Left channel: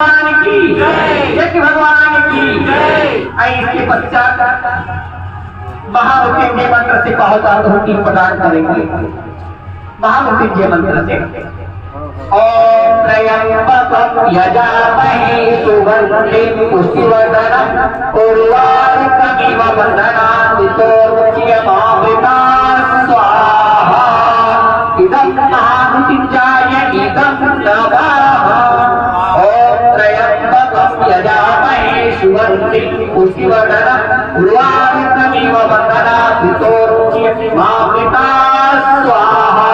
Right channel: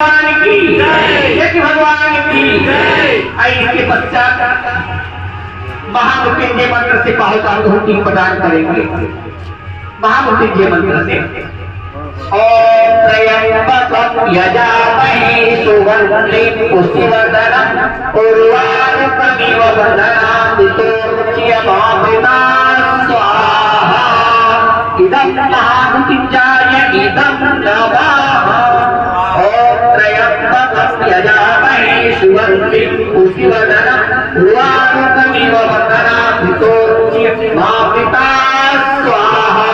भगवान की जय, भगवान की जय। इसके पश्चात महामृत्युंजय मंत्र से पाहुति प्रदान करेंगे। महामृत्युंजय मंत्र से ओम त्र्यंबकं यजामहे सुगंधिं पुष्टिवर्धनम् उर्वारुकमिव बन्धनात् पितॄच्यमामृता स्वाहा। इदं महामृत्युंजय इदं नमः। यजामहे सुगंधिं पुष्टिवर्धनम् उर्वारुकमिव बन्धनात् पितॄच्यमामृता स्वाहा।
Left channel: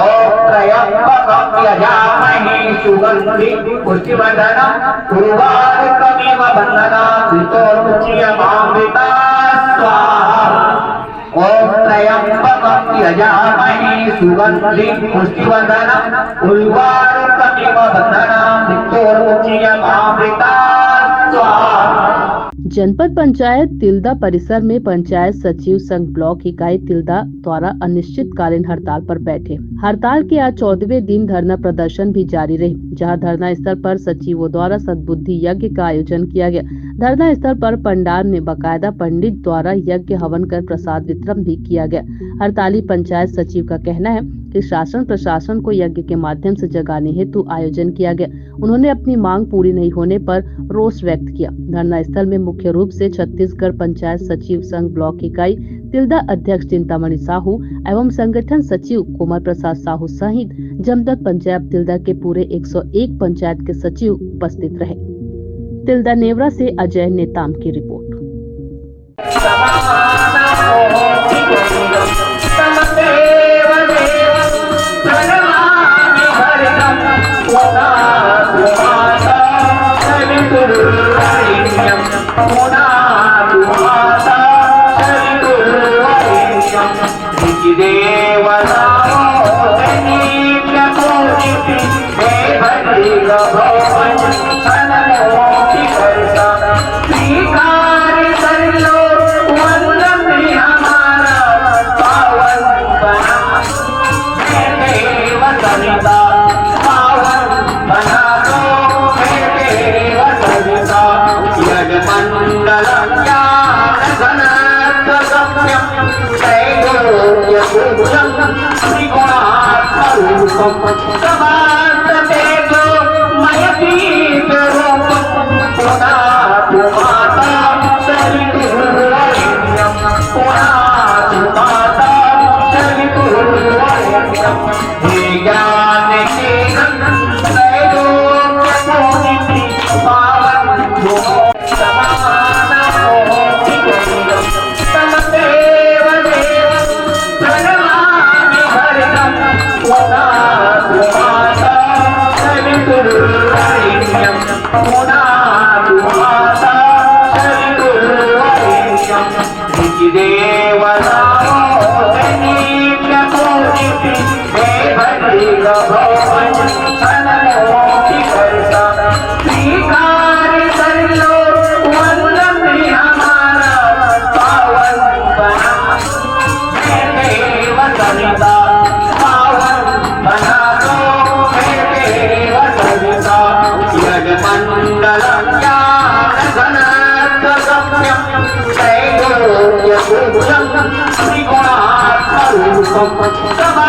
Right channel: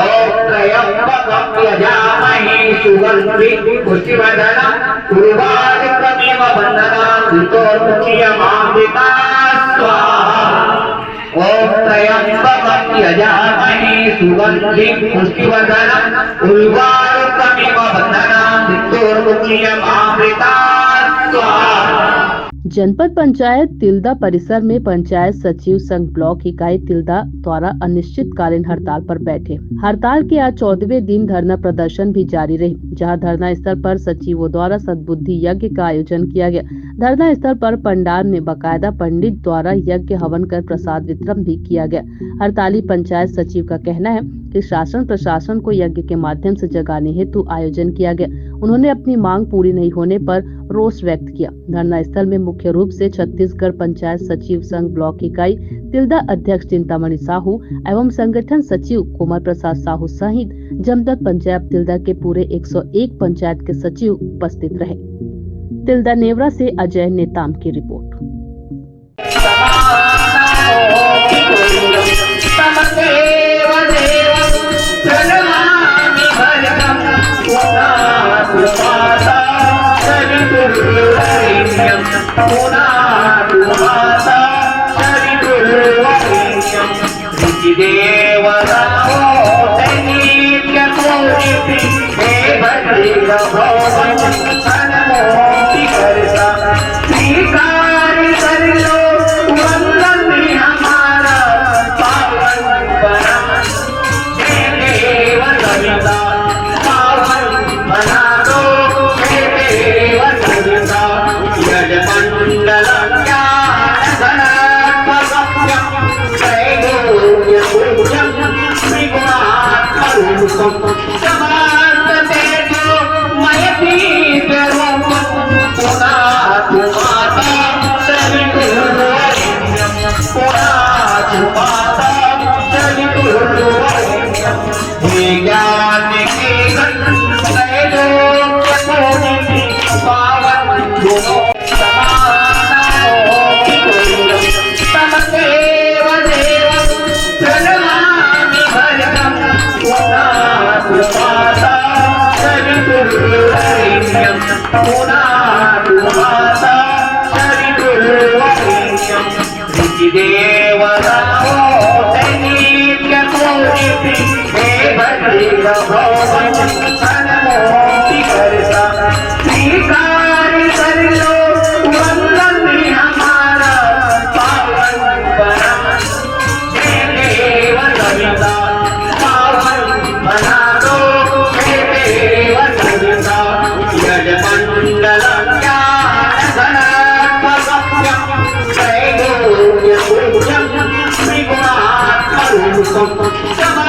ओम त्र्यंबकं यजामहे सुगंधिं पुष्टिवर्धनम् उर्वारुकमिव बन्धनात् पितॄच्यमामृता स्वाहा। ओम त्र्यंबकं यजामहे सुगंधिं पुष्टिवर्धनम् उर्वारुकमिव बन्धनात् पितॄच्यमामृता स्वाहा। जनपद पंचायत तिल्दा परिसर में पंचायत सचिव संघ ब्लॉक इकाई तिल्दा द्वारा अनिश्चितकालीन हड़ताल पर बैठे। हड़ताल के आज 14वें दिन धरना प्रदर्शन भी जारी रही, जहां धरना स्थल पर सचिवों द्वारा सद्बुद्धि यज्ञ का आयोजन किया गया। धरना स्थल पर पंडाल में बाकायदा पंडित द्वारा यज्ञ हवन कर प्रसाद वितरण भी किया गया। हड़ताली पंचायत सचिव का कहना है कि शासन प्रशासन को यज्ञ के माध्यम से जगाने हेतु आयोजन किया गया। उन्होंने अपनी मांग पूरी नहीं होने पर रोष व्यक्त किया। धरना स्थल में मुख्य रूप से छत्तीसगढ़ पंचायत सचिव संघ ब्लॉक इकाई तिल्दा अध्यक्ष चिंतामणि साहू एवं संगठन सचिव कोमल प्रसाद साहू सहित जमदत पंचायत तिल्दा के पूरे 101 पंचायत के सचिव उपस्थित रहे। तिल्दा नेवरा से अजय नेताम की रिपोर्ट। Come on,